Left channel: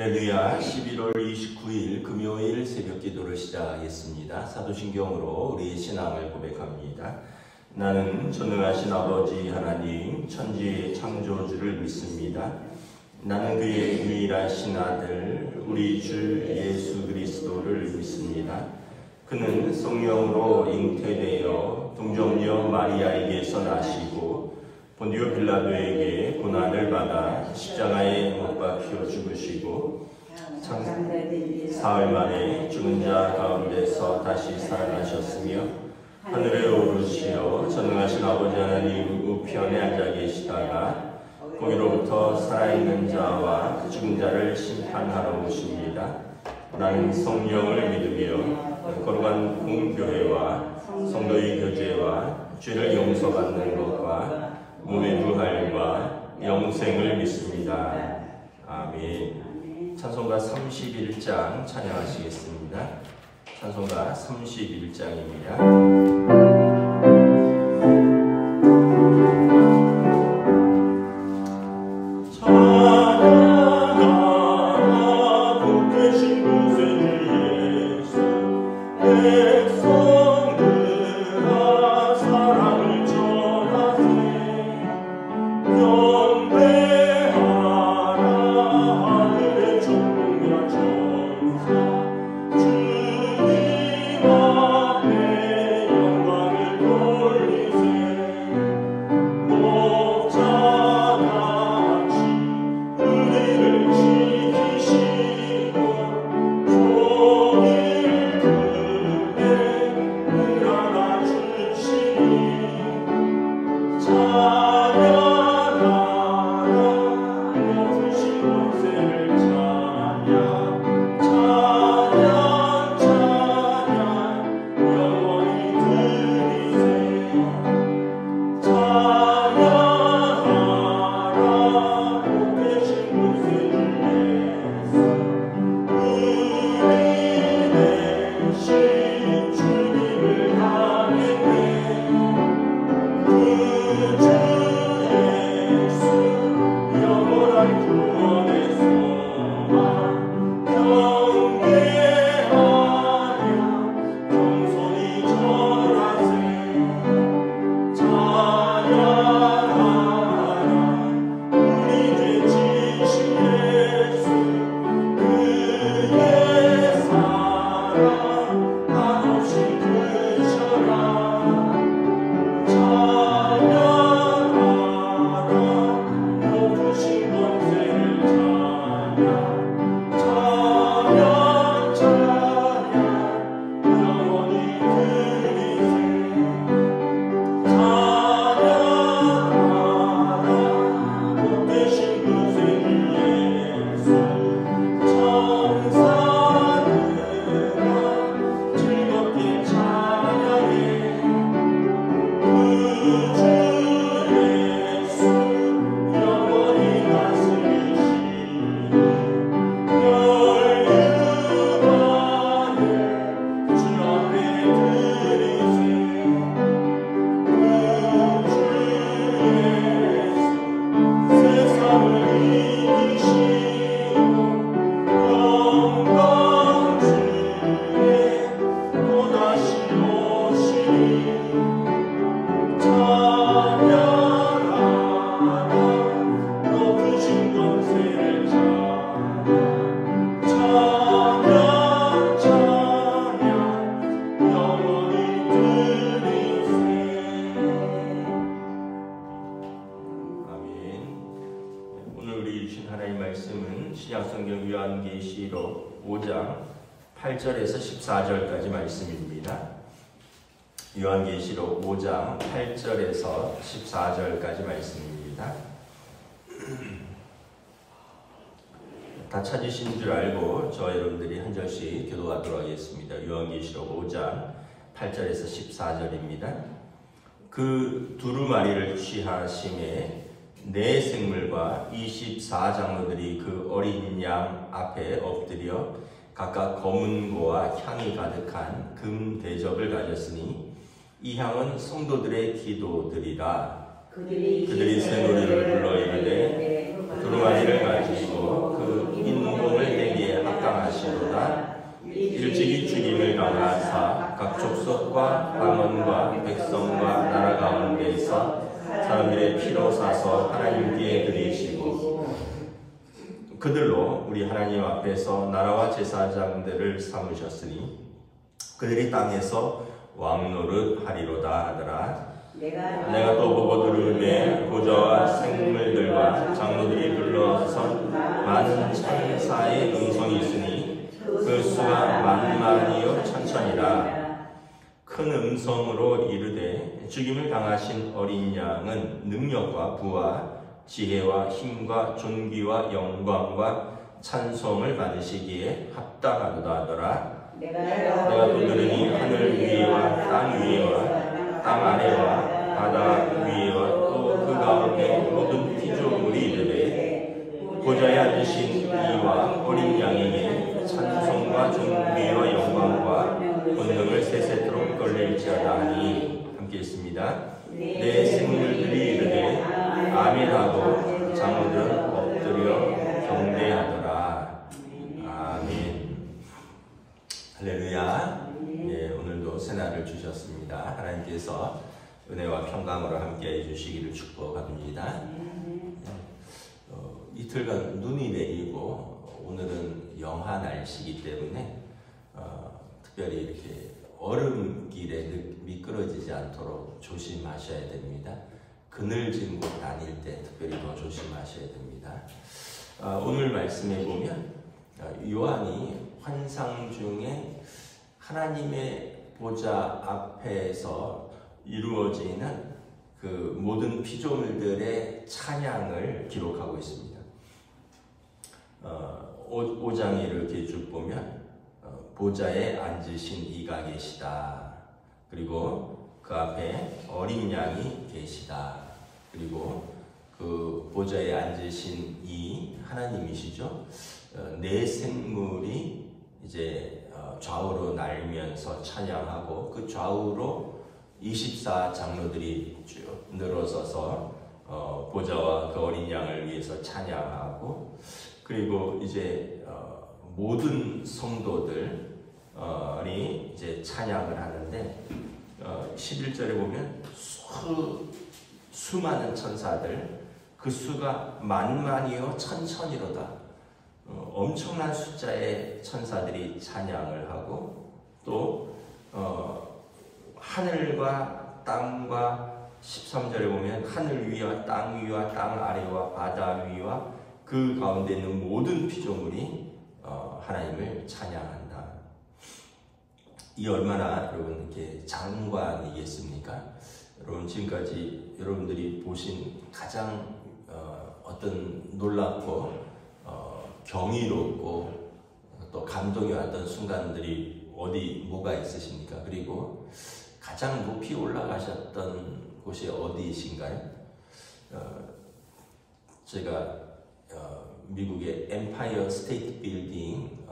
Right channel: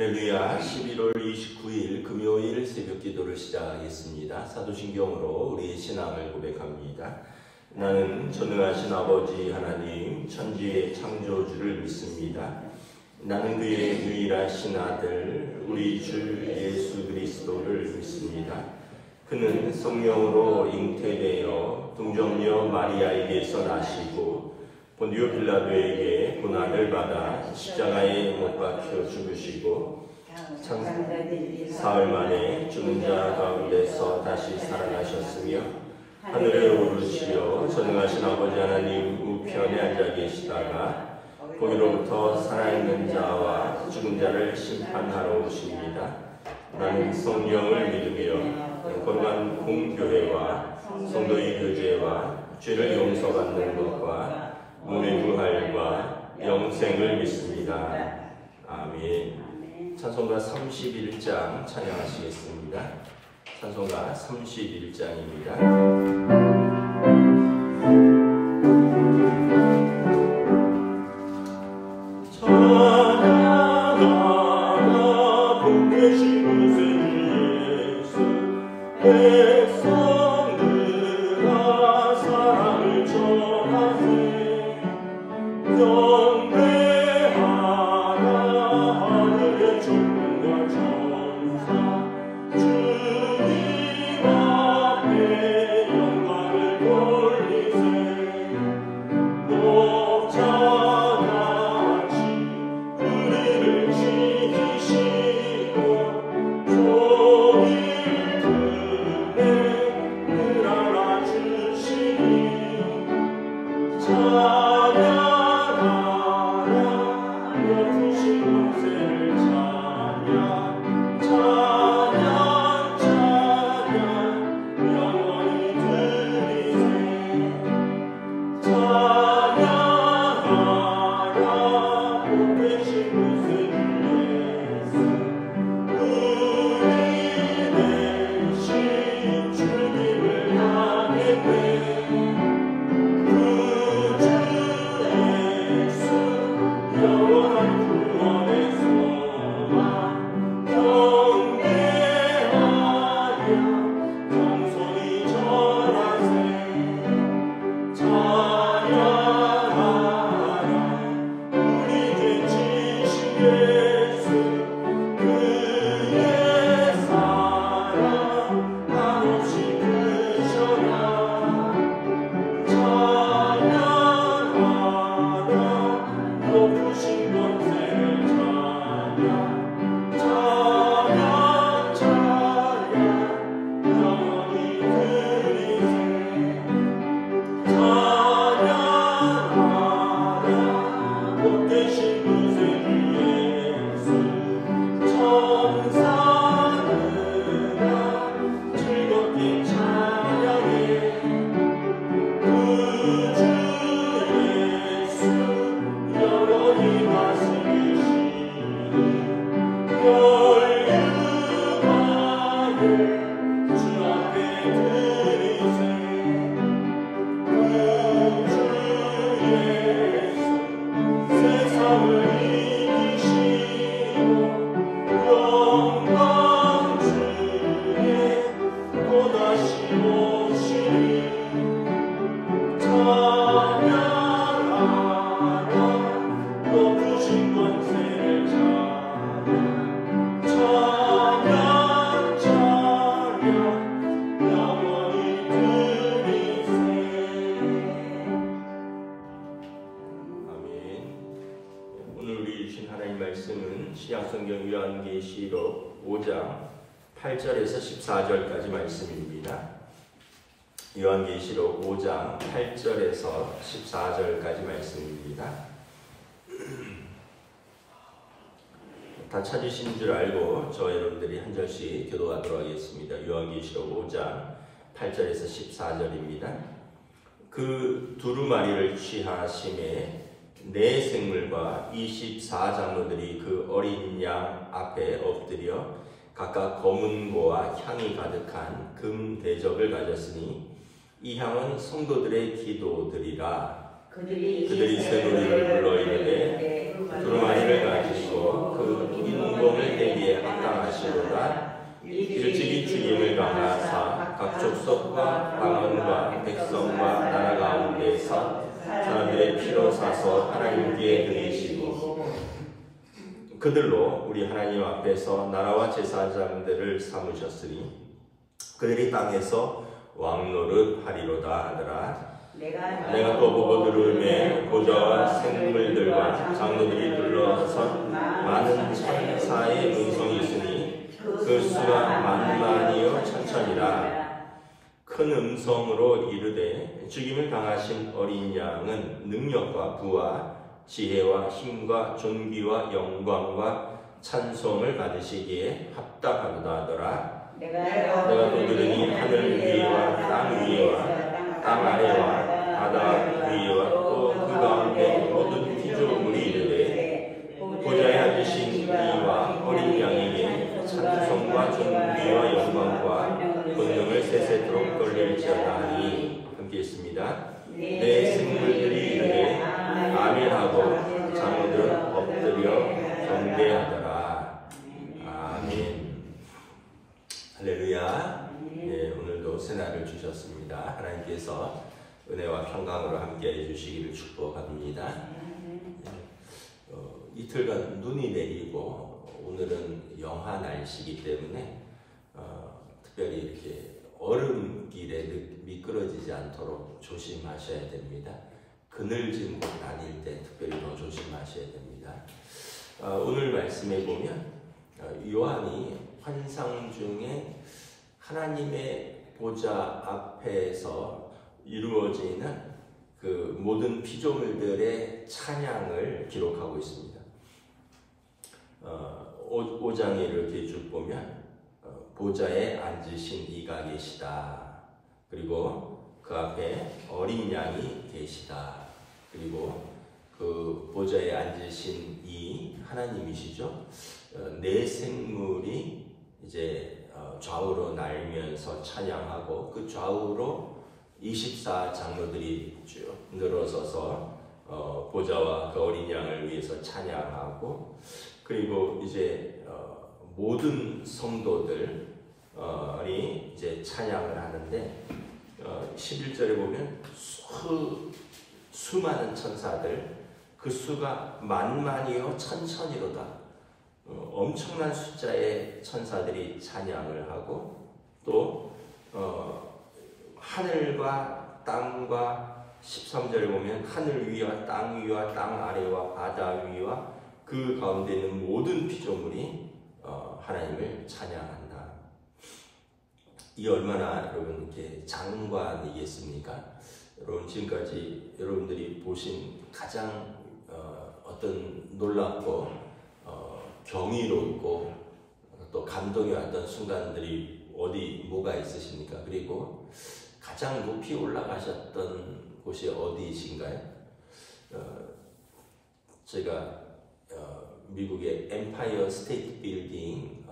할렐루야. 11월 29일 금요일 새벽 기도를 시작하겠습니다. 사도신경으로 우리의 신앙을 고백합니다. 나는 전능하신 아버지 하나님 천지의 창조주를 믿습니다. 나는 그의 유일하신 아들 우리 주 예수 그리스도를 믿습니다. 그는 성령으로 잉태되어 동정녀 마리아에게서 나시고 본디오 빌라도에게 고난을 받아 십자가에 못 박혀 죽으시고 사흘 만에 죽은 자 가운데서 다시 살아나셨으며 하늘에 오르시어 전능하신 아버지 하나님 우편에 앉아 계시다가 거기로부터 살아있는 자와 그 죽은 자를 심판하러 오십니다. 나는 성령을 믿으며 거룩한 공교회와 성도의 교제와 죄를 용서받는 것과 몸의 부활과 영생을 믿습니다. 아멘. 찬송가 31장 찬양하시겠습니다. 찬송가 31장입니다. 신약성경 요한계시록 5장 8절에서 14절까지 말씀입니다. 요한계시록 5장 8절에서 14절까지 말씀입니다. 다 찾으신 줄 알고 저 여러분들이 한 절씩 교도하도록 하겠습니다. 요한계시록 5장 8절에서 14절입니다. 그 두루마리를 취하심에 네 생물과 24장로들이 그 어린 양 앞에 엎드려 각각 검은고와 향이 가득한 금 대접을 가졌으니 이 향은 성도들의 기도들이라. 그들이 새노래를 불러 이르되 두루마리를 가지고 그 인공을 하시다가 일찍이 죽임을 당하사 각 족속과 방언과 백성과 나라 가운데에서 사람들의 피로 사서 하나님께 드리시고 그들로 우리 하나님 앞에서 나라와 제사장들을 삼으셨으니 그들이 땅에서 왕노릇 하리로다 하더라. 내가 또 보고 들음에 보좌와 생물들과 장로들이 둘러선 많은 천사의 음성이 있으니 그 수가 만만이요 천천이라. 큰 음성으로 이르되 죽임을 당하신 어린 양은 능력과 부와 지혜와 힘과 존귀와 영광과 찬송을 받으시기에 합당하도다 하더라. 내가 또 들으니 하늘 위와 땅 위와 땅 아래와 바다 위와 또 그 가운데 모든 피조물이 이르되 보좌에 앉으신 이와 어린 양에게 찬송과 존귀와 영광과 권능을 세세토록 돌릴지어다 하니 함께 있습니다. 내 생물들이 이르되 아멘하고 장로들은 엎드려 경배하더라. 아멘. 할렐루야. 네, 오늘도 새날을 주셨습니다. 하나님께서 은혜와 평강으로 함께해 주시기를 축복합니다. 이틀간 눈이 내리고 오늘은 영하 날씨이기 때문에 특별히 이렇게 얼음길에 미끄러지지 않도록 조심하셔야 됩니다. 그늘진 곳 다닐 때 특별히 더 조심하셔야 됩니다. 오늘 말씀에 보면 요한이 환상 중에 하나님의 보좌 앞에서 이루어지는 그 모든 피조물들의 찬양을 기록하고 있습니다. 5장에 이렇게 쭉 보면 보좌에 앉으신 이가 계시다. 그리고 그 앞에 어린 양이 계시다. 그리고 그 보좌에 앉으신 이 하나님이시죠. 네 생물이 이제 좌우로 날면서 찬양하고 그 좌우로 24장로들이 쭉 늘어서서 보좌와 그 어린 양을 위해서 찬양하고 그리고 이제 모든 성도들이 이제 찬양을 하는데 11절에 보면 수많은 천사들 그 수가 만만이요 천천이로다. 엄청난 숫자의 천사들이 찬양을 하고 또 하늘과 땅과 13절에 보면 하늘 위와 땅 위와 땅 아래와 바다 위와 그 가운데 있는 모든 피조물이 하나님을 찬양한다. 이 얼마나 여러분 이렇게 장관이겠습니까? 여러분 지금까지 여러분들이 보신 가장 어떤 놀랍고 경이롭고 또 감동이 왔던 순간들이 뭐가 있으십니까? 그리고 가장 높이 올라가셨던 곳이 어디이신가요? 제가 미국의 엠파이어 스테이트 빌딩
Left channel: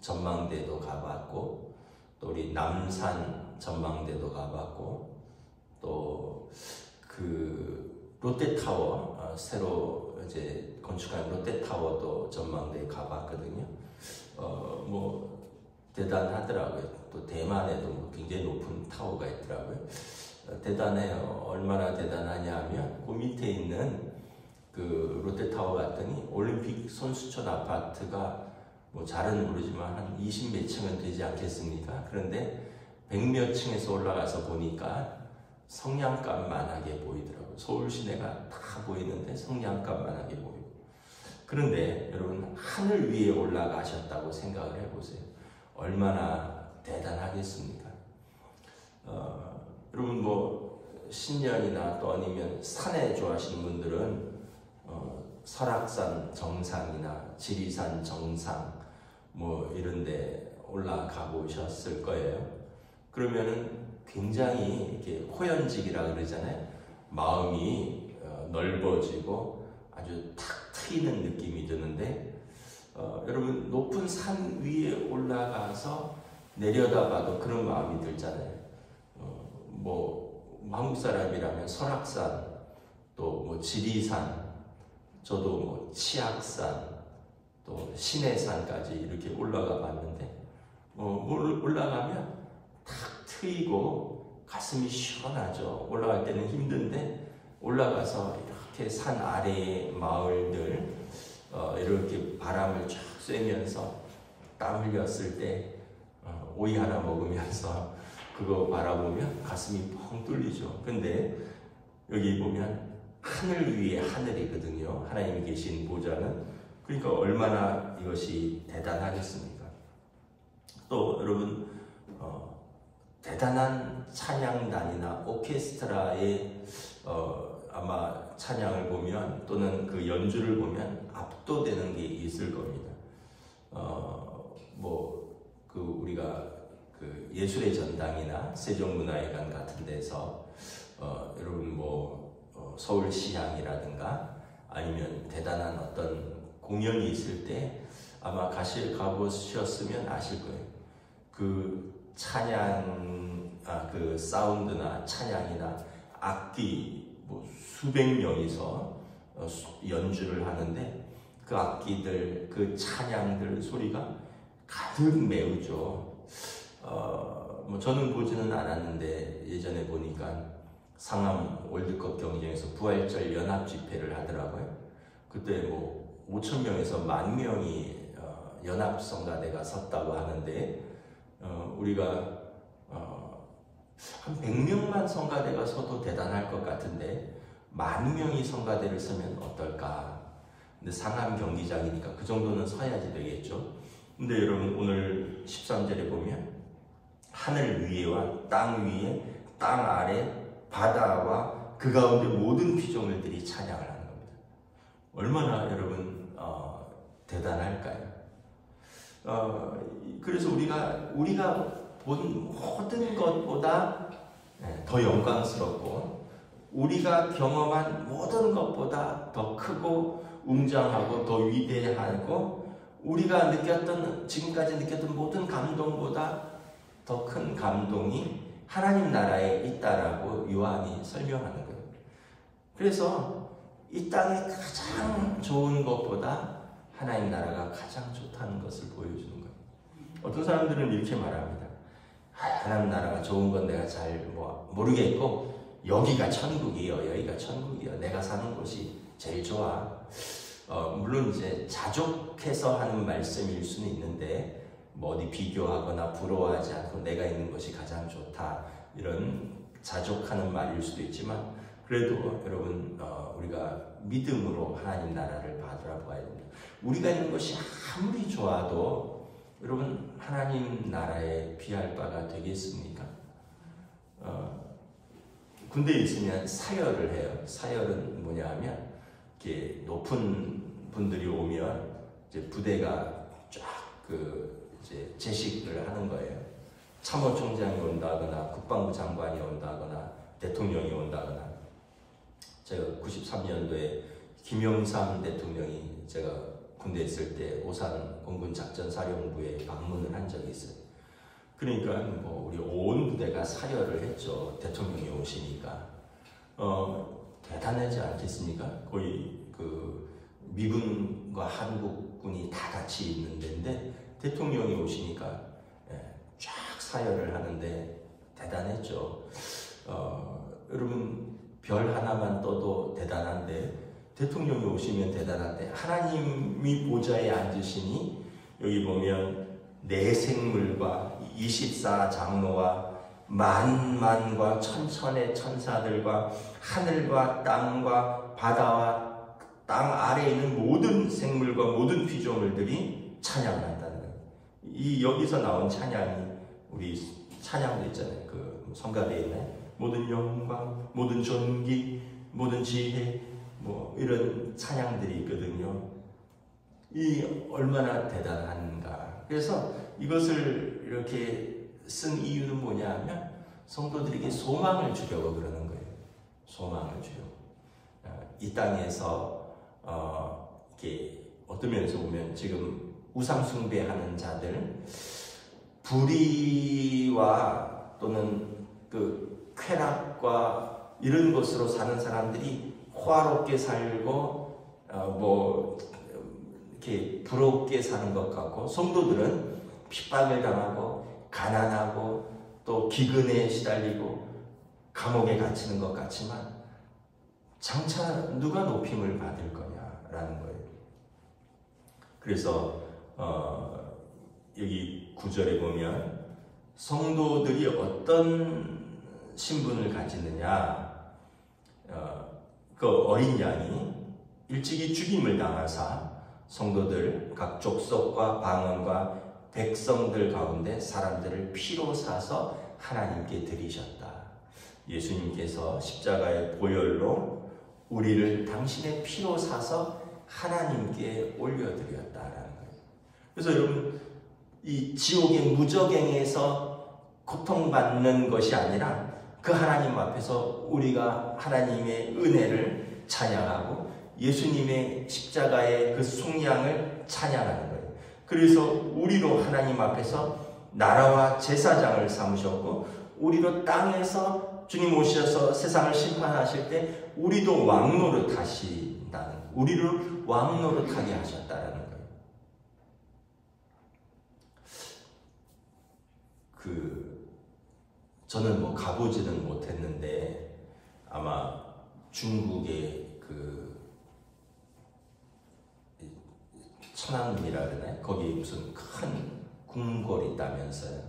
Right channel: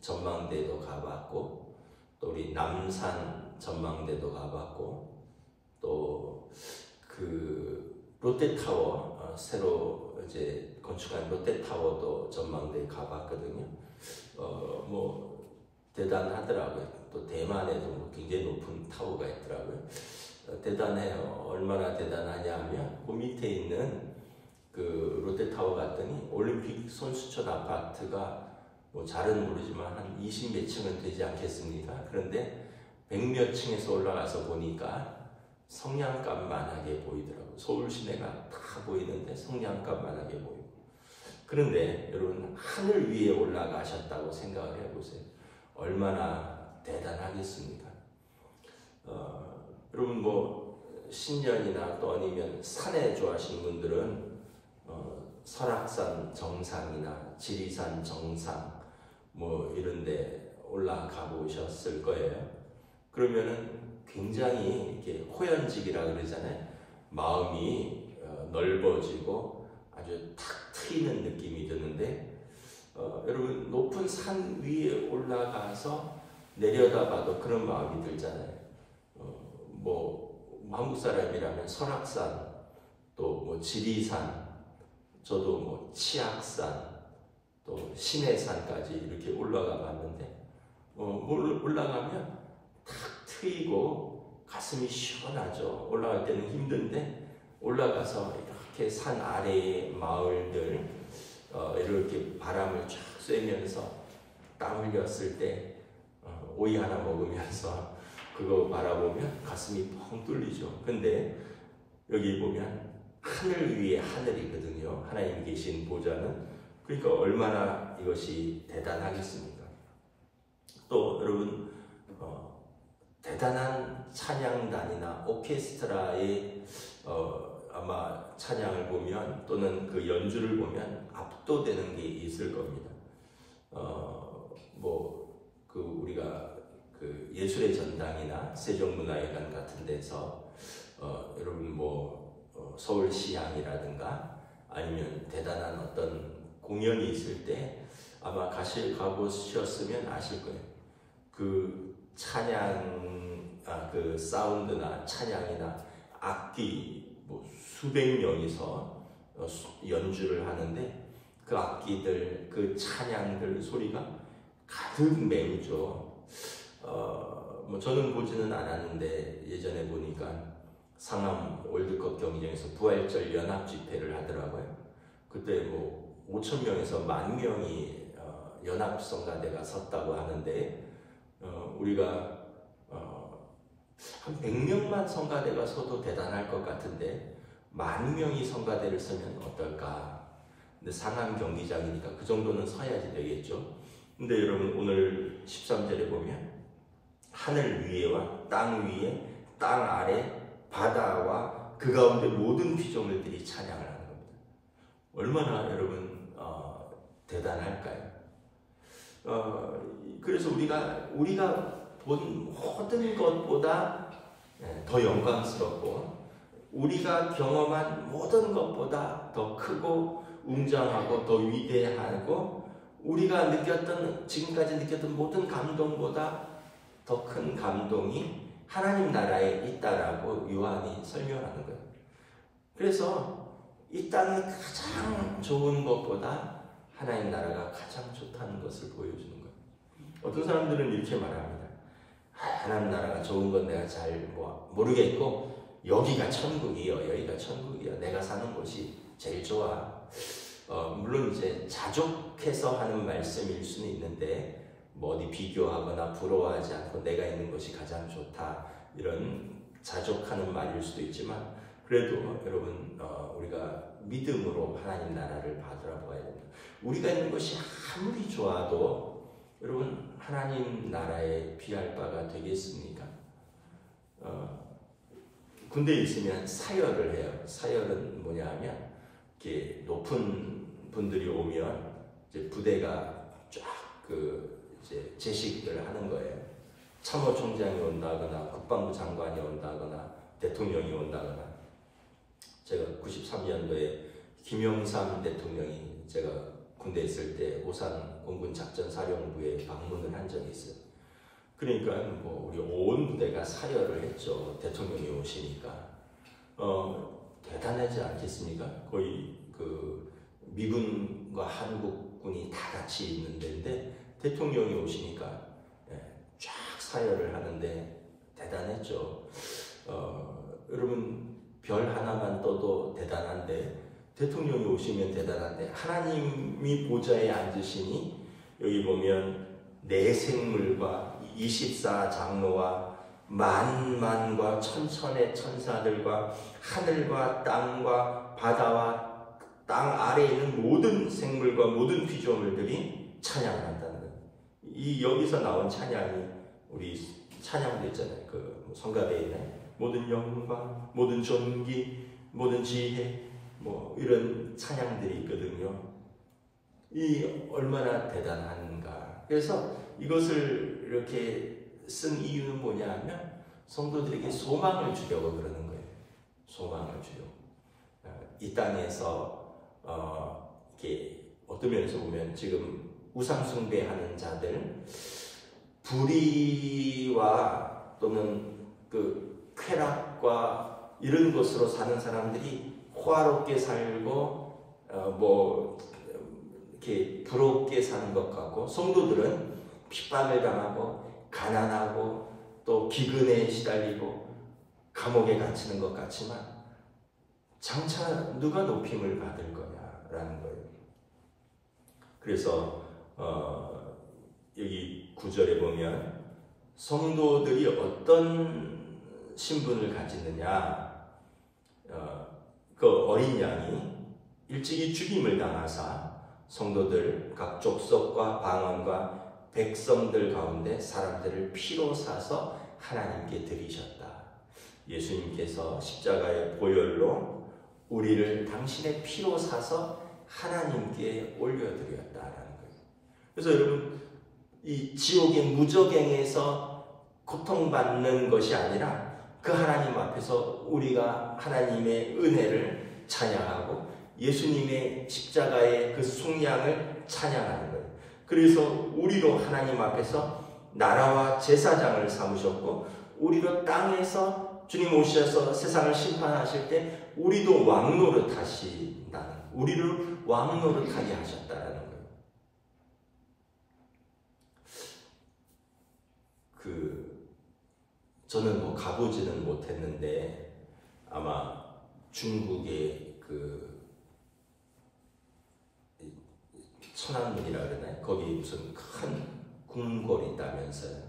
전망대도 가봤고 또 우리 남산 전망대도 가봤고 또 그 롯데타워 새로 이제 건축한 롯데타워도 전망대에 가봤거든요. 뭐 대단하더라고요. 또 대만에도 뭐 굉장히 높은 타워가 있더라고요. 대단해요. 얼마나 대단하냐 하면 그 밑에 있는 그 롯데타워 갔더니 올림픽 선수촌 아파트가 뭐 잘은 모르지만 한 20몇 층은 되지 않겠습니까? 그런데 100몇 층에서 올라가서 보니까 성냥갑만하게 보이더라고요. 서울 시내가 다 보이는데 성냥갑만하게 보이고. 그런데 여러분 하늘 위에 올라가셨다고 생각을 해보세요. 얼마나 대단하겠습니까? 여러분 뭐 신년이나 또 아니면 산에 좋아하시는 분들은 설악산 정상이나 지리산 정상 뭐 이런데 올라가 보셨을 거예요. 그러면은 굉장히 이렇게 호연직이라 그러잖아요. 마음이 넓어지고 아주 탁 트이는 느낌이 드는데 여러분 높은 산 위에 올라가서 내려다봐도 그런 마음이 들잖아요. 뭐 한국 사람이라면 설악산 또 뭐 지리산 저도 뭐 치악산 또 시내산까지 이렇게 올라가 봤는데 올라가면 탁 트이고 가슴이 시원하죠. 올라갈 때는 힘든데 올라가서 이렇게 산 아래의 마을들 이렇게 바람을 쫙 쐬면서 땀 흘렸을 때 오이 하나 먹으면서 그거 바라보면 가슴이 펑 뚫리죠. 근데 여기 보면 하늘 위에 하늘이거든요. 하나님이 계신 보좌는. 그러니까 얼마나 이것이 대단하겠습니까? 또 여러분 대단한 찬양단이나 오케스트라의 아마 찬양을 보면 또는 그 연주를 보면 압도되는 게 있을 겁니다. 우리가 그 예술의 전당이나 세종문화회관 같은 데서 여러분 서울시향이라든가 아니면 대단한 어떤 공연이 있을 때 아마 가보셨으면 아실 거예요. 그 찬양, 그 사운드나 찬양이나 악기 수백 명이서 연주를 하는데 그 악기들, 그 찬양들 소리가 가득 메우죠. 저는 보지는 않았는데 예전에 보니까 상암 월드컵 경기장에서 부활절 연합 집회를 하더라고요. 그때 5,000명에서 10,000명이 연합 성가대가 섰다고 하는데 우리가 한 100명만 성가대가 서도 대단할 것 같은데 10,000명이 성가대를 서면 어떨까? 근데 상암 경기장이니까 그 정도는 서야지 되겠죠. 근데 여러분 오늘 13절에 보면 하늘 위에와 땅 위에 땅 아래 바다와 그 가운데 모든 피조물들이 찬양을 하는 겁니다. 얼마나 여러분 대단할까요? 그래서 우리가 본 모든 것보다 더 영광스럽고 우리가 경험한 모든 것보다 더 크고 웅장하고 더 위대하고 우리가 지금까지 느꼈던 모든 감동보다 더 큰 감동이 하나님 나라에 있다라고 요한이 설명하는 거예요. 그래서 이 땅에 가장 좋은 것보다 하나님 나라가 가장 좋다는 것을 보여주는 거예요. 어떤 사람들은 이렇게 말합니다. 하나님 나라가 좋은 건 내가 잘 모르겠고 여기가 천국이요. 내가 사는 곳이 제일 좋아. 물론 이제 자족해서 하는 말씀일 수는 있는데 어디 비교하거나 부러워하지 않고 내가 있는 것이 가장 좋다 이런 자족하는 말일 수도 있지만 그래도 여러분 우리가 믿음으로 하나님 나라를 바라보아야 됩니다. 우리가 있는 것이 아무리 좋아도 여러분 하나님 나라에 비할 바가 되겠습니까? 군대에 있으면 사열을 해요. 사열은 뭐냐 하면 이렇게 높은 분들이 오면 이제 부대가 쫙 이제 제식을 하는 거예요. 참모총장이 온다거나 국방부 장관이 온다거나 대통령이 온다거나. 제가 93년도에 김영삼 대통령이 제가 군대에 있을 때 오산 공군작전사령부에 방문을 한 적이 있어요. 그러니까 우리 온 부대가 사열을 했죠. 대통령이 오시니까. 대단하지 않겠습니까? 거의 미군과 한국군이 다 같이 있는 데인데 대통령이 오시니까 쫙 사열을 하는데 대단했죠. 여러분 별 하나만 떠도 대단한데 대통령이 오시면 대단한데 하나님이 보좌에 앉으시니 여기 보면 내 생물과 24장로와 만만과 천천의 천사들과 하늘과 땅과 바다와 땅 아래에 있는 모든 생물과 모든 피조물들이 찬양을 한다는 거예요. 여기서 나온 찬양이 우리 찬양도 있잖아요. 성가대에 있는 모든 영광, 모든 존귀, 모든 지혜 이런 찬양들이 있거든요. 이 얼마나 대단한가. 그래서 이것을 이렇게 쓴 이유는 뭐냐 하면 성도들에게 소망을 주려고 그러는 거예요. 소망을 주려고. 이 땅에서 이렇게 어떤 면에서 보면 지금 우상숭배하는 자들, 불의와 또는 쾌락과 이런 것으로 사는 사람들이 호화롭게 살고 이렇게 부럽게 사는 것 같고, 성도들은 핍박을 당하고 가난하고 또 기근에 시달리고 감옥에 갇히는 것 같지만 장차 누가 높임을 받을 거냐라는 거예요. 그래서 여기 9절에 보면 성도들이 어떤 신분을 가지느냐, 그 어린 양이 일찍이 죽임을 당하사 성도들 각 족속과 방언과 백성들 가운데 사람들을 피로 사서 하나님께 드리셨다. 예수님께서 십자가의 보혈로 우리를 당신의 피로 사서 하나님께 올려드렸다라는 거예요. 그래서 여러분, 이 지옥의 무저갱에서 고통받는 것이 아니라 그 하나님 앞에서 우리가 하나님의 은혜를 찬양하고 예수님의 십자가의 그 속량을 찬양하는 거예요. 그래서 우리로 하나님 앞에서 나라와 제사장을 삼으셨고, 우리로 땅에서 주님 오셔서 세상을 심판하실 때 우리도 왕노릇 하신다는, 우리를 왕노릇하게 하셨다라는 거예요. 저는 뭐 가보지는 못했는데 아마 중국의 천안문이라 그러나요? 거기 무슨 큰 궁궐이 있다면서요.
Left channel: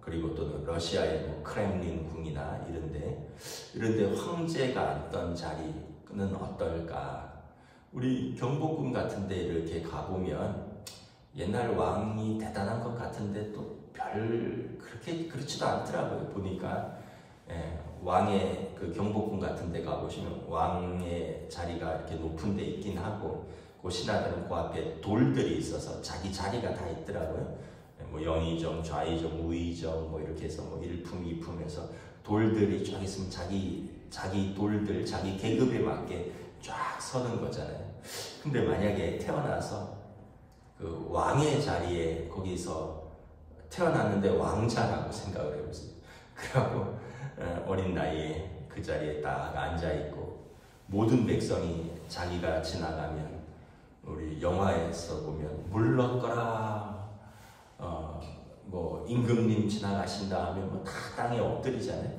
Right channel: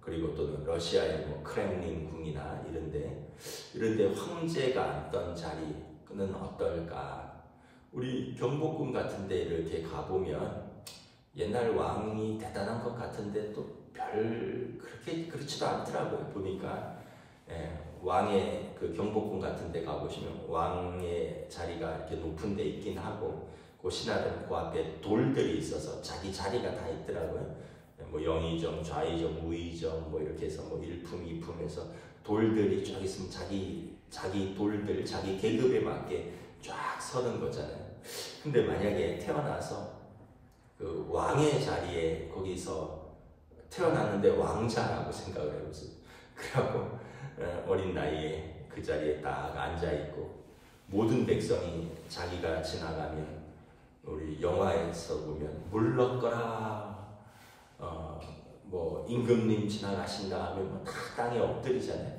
그리고 또 러시아의 뭐 크렘린 궁이나 이런데 황제가 앉던 자리는 어떨까? 우리 경복궁 같은데 이렇게 가보면 옛날 왕이 대단한 것 같은데 또 그렇게 그렇지도 않더라고요. 보니까 왕의 그 경복궁 같은데 가보시면 왕의 자리가 이렇게 높은 데 있긴 하고, 그 신하들은 그 앞에 돌들이 있어서 자기 자리가 다 있더라고요. 뭐 영의정, 좌의정, 우의정 뭐 이렇게 해서 뭐 1품, 2품 해서 돌들이 쫙 있으면 자기 돌들, 자기 계급에 맞게 쫙 서는 거잖아요. 근데 만약에 태어나서 그 왕의 자리에 거기서 태어났는데 왕자라고 생각을 해보세요. 그래갖고 어린 나이에 그 자리에 딱 앉아있고 모든 백성이 자기가 지나가면, 우리 영화에서 보면 물러거라, 뭐 임금님 지나가신다 하면 뭐 다 땅에 엎드리잖아요.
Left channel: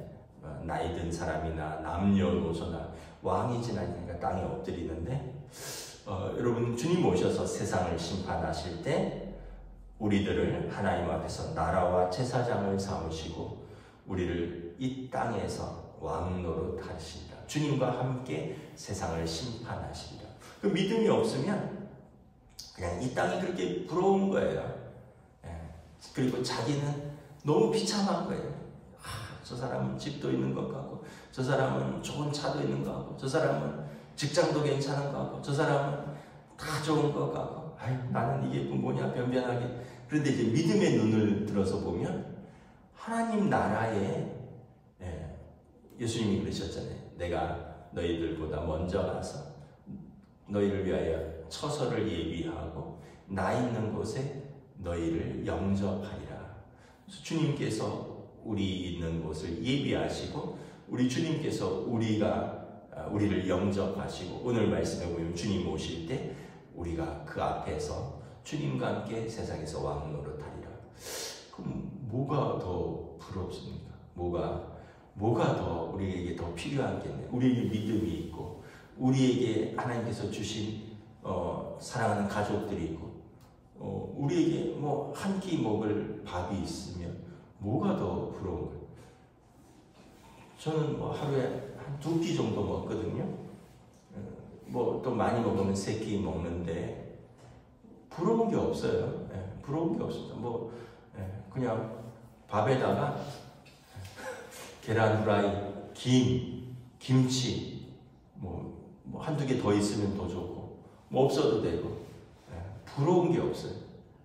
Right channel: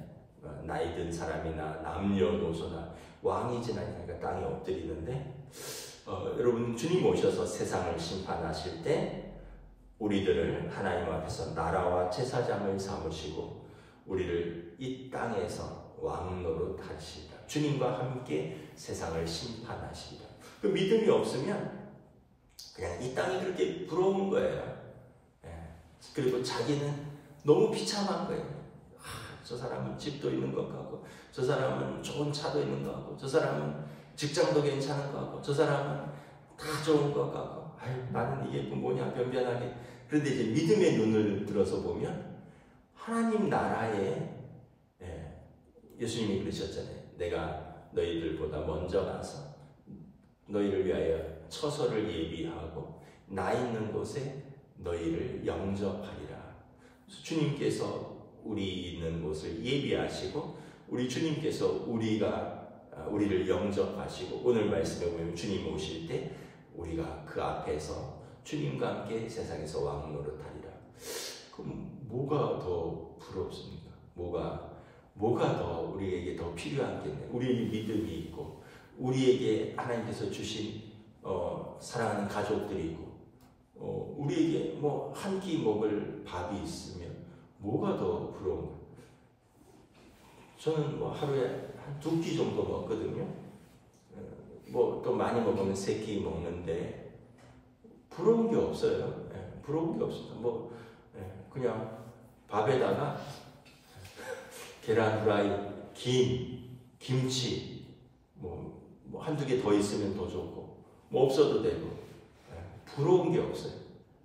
나이 든 사람이나 남녀노소나 왕이 지나니까 땅에 엎드리는데, 여러분, 주님 오셔서 세상을 심판하실 때 우리들을 하나님 앞에서 나라와 제사장을 삼으시고 우리를 이 땅에서 왕노릇 하시리라. 주님과 함께 세상을 심판하시리라. 그 믿음이 없으면 그냥 이 땅이 그렇게 부러운 거예요. 그리고 자기는 너무 비참한 거예요. 저 사람은 집도 있는 것 같고, 저 사람은 좋은 차도 있는 것 같고, 저 사람은 직장도 괜찮은 것 같고, 저 사람은 다 좋은 것 같고, 나는 이게 뭐냐 변변하게. 그런데 이제 믿음의 눈을 들어서 보면 하나님 나라에, 예수님이 그러셨잖아요. 내가 너희들보다 먼저 가서 너희를 위하여 처소를 예비하고 나 있는 곳에 너희를 영접하리라. 주님께서 우리 있는 곳을 예비하시고, 우리 주님께서 우리를 영접하시고, 오늘 말씀에 보면 주님 오실 때 우리가 그 앞에서 주님과 함께 세상에서 왕노릇하리라. 그럼 뭐가 더 부럽습니까? 뭐가 더 우리에게 더 필요한 게 있나요? 우리에게 믿음이 있고, 우리에게 하나님께서 주신 사랑하는 가족들이 있고, 우리에게 뭐 한 끼 먹을 밥이 있으면 뭐가 더 부러운 거예요? 저는 뭐 하루에 한 2끼 정도 먹거든요. 뭐 또 많이 먹으면 3끼 먹는데 부러운 게 없어요. 부러운 게 없습니다. 뭐 그냥 밥에다가 계란 후라이, 김치 뭐 한두 개 더 있으면 더 좋고, 뭐 없어도 되고, 부러운 게 없어요.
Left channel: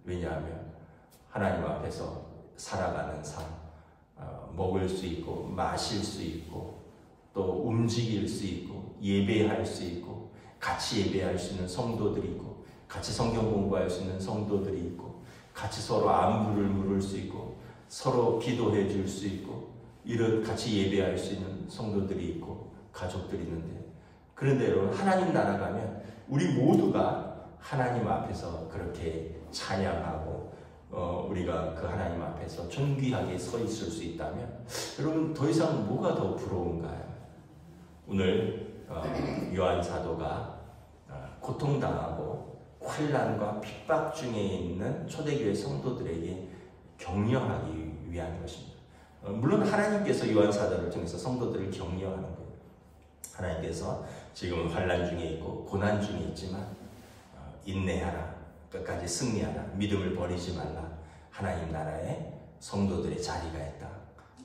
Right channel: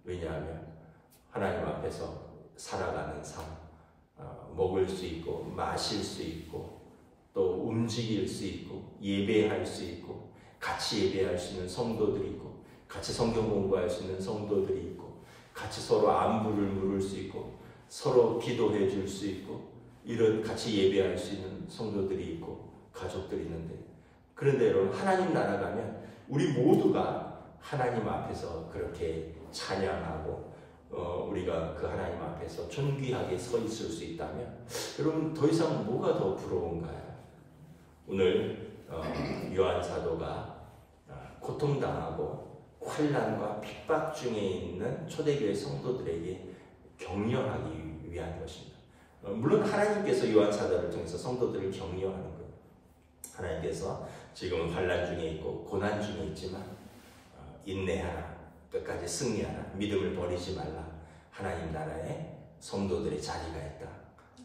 왜냐하면 하나님 앞에서 살아가는 삶, 먹을 수 있고 마실 수 있고 또 움직일 수 있고 예배할 수 있고 같이 예배할 수 있는 성도들이 있고 같이 성경 공부할 수 있는 성도들이 있고 같이 서로 안부를 물을 수 있고 서로 기도해 줄 수 있고 이런 같이 예배할 수 있는 성도들이 있고 가족들이 있는데, 그런데 여러분, 하나님 나라 가면 우리 모두가 하나님 앞에서 그렇게 찬양하고 우리가 그 하나님 앞에서 존귀하게 서 있을 수 있다면 여러분 더 이상 뭐가 더 부러운가요? 오늘 요한 사도가 고통당하고 환난과 핍박 중에 있는 초대교회 성도들에게 격려하기 위한 것입니다. 물론 하나님께서 요한 사도를 통해서 성도들을 격려하는 거예요. 하나님께서 지금 환난 중에 있고 고난 중에 있지만 인내하라, 끝까지 승리하라, 믿음을 버리지 말라. 하나님 나라에 성도들의 자리가 있다.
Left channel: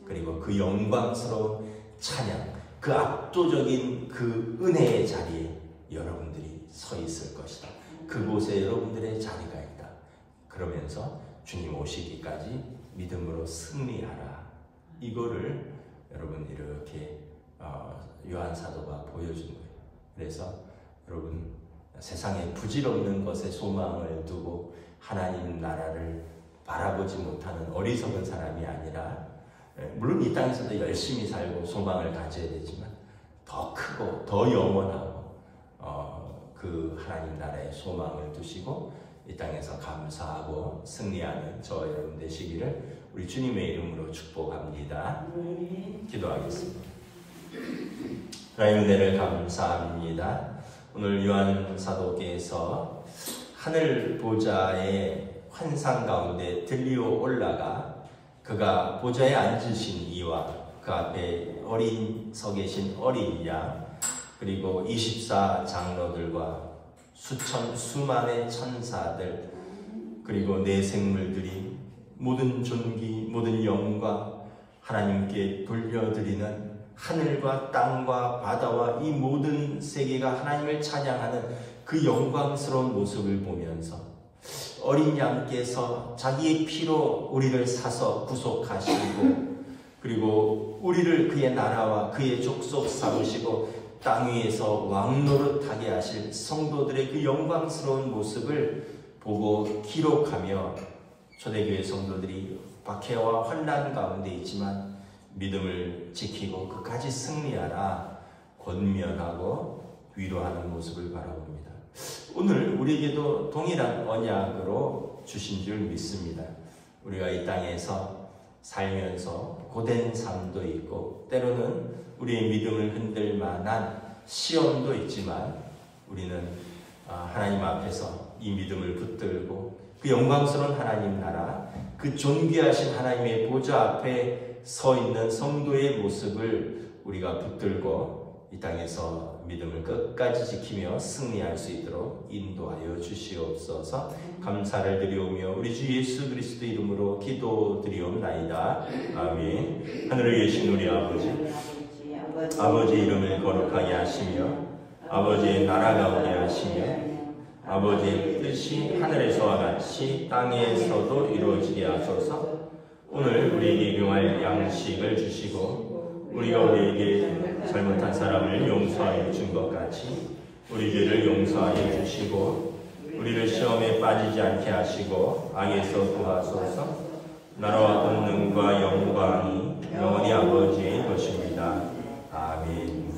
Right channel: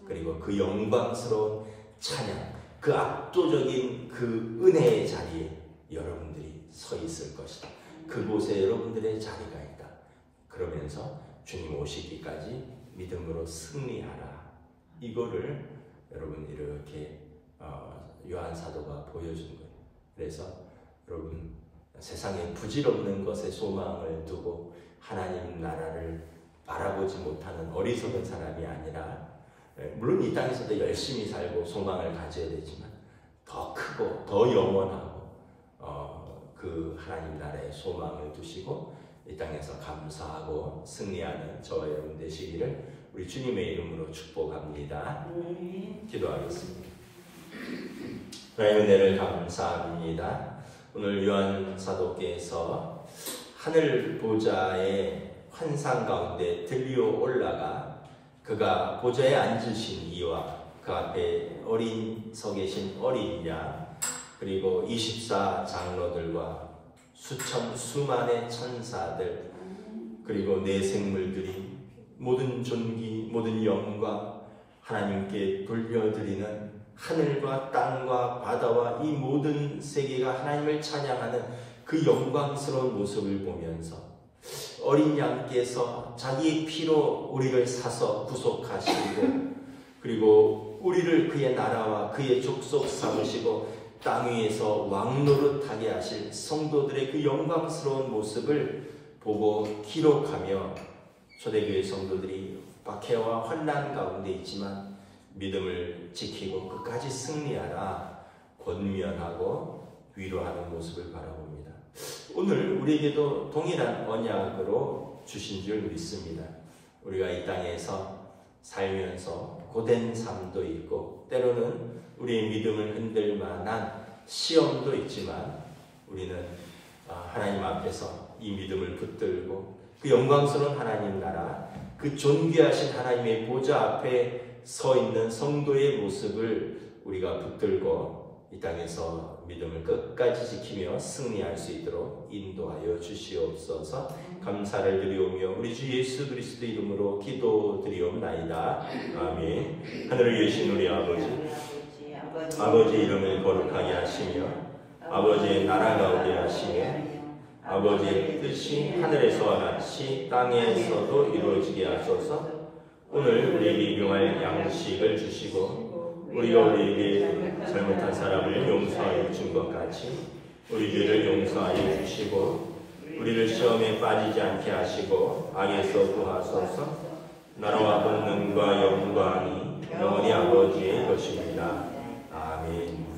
그리고 그 영광스러운 찬양, 그 압도적인 그 은혜의 자리에 여러분들이 서 있을 것이다. 그곳에 여러분들의 자리가 있다. 그러면서 주님 오시기까지 믿음으로 승리하라. 이거를 여러분 이렇게 요한 사도가 보여준 거예요. 그래서 여러분 세상에 부질없는 것에 소망을 두고 하나님 나라를 바라보지 못하는 어리석은 사람이 아니라, 물론 이 땅에서도 열심히 살고 소망을 가져야 되지만 더 크고 더 영원하고 그 하나님 나라에 소망을 두시고 이 땅에서 감사하고 승리하는 저와 여러분 되시기를 우리 주님의 이름으로 축복합니다. 기도하겠습니다. 하나님 은혜를 감사합니다. 오늘 요한 사도께서 하늘 보좌의 환상 가운데 들리어 올라가 그가 보좌에 앉으신 이와 그 앞에 서 계신 어린 양, 그리고 24 장로들과 수만의 천사들, 그리고 내 생물들이 모든 존귀, 모든 영광 하나님께 돌려드리는 하늘과 땅과 바다와 이 모든 세계가 하나님을 찬양하는 그 영광스러운 모습을 보면서 어린 양께서 자기의 피로 우리를 사서 구속하시고, 그리고 우리를 그의 나라와 그의 족속 삼으시고 땅 위에서 왕노릇하게 하실 성도들의 그 영광스러운 모습을 보고 기록하며 초대교회 성도들이 박해와 환난 가운데 있지만 믿음을 지키고 끝까지 승리하라 권면하고 위로하는 모습을 바라봅니다. 오늘 우리에게도 동일한 언약으로 주신 줄 믿습니다. 우리가 이 땅에서 살면서 고된 삶도 있고 때로는 우리의 믿음을 흔들 만한 시험도 있지만 우리는 하나님 앞에서 이 믿음을 붙들고 그 영광스러운 하나님 나라, 그 존귀하신 하나님의 보좌 앞에 서 있는 성도의 모습을 우리가 붙들고 이 땅에서 믿음을 끝까지 지키며 승리할 수 있도록 인도하여 주시옵소서. 감사를 드리오며 우리 주 예수 그리스도 이름으로 기도드리옵나이다. 아멘. 하늘에 계신 우리 아버지 이름을 거룩하게 하시며 아버지의 나라가 오게 하시며 아버지의 뜻이 하늘에서와 같이 땅에서도 이루어지게 하소서. 오늘 우리에게 일용할 양식을 주시고 우리가 우리에게 잘못한 사람을 용서하여 준 것 같이 우리 죄를 용서하여 주시고 우리를 시험에 빠지지 않게 하시고 악에서 구하소서. 나라와 권능과 영광이 영원히 아버지의 것입니다. 아멘.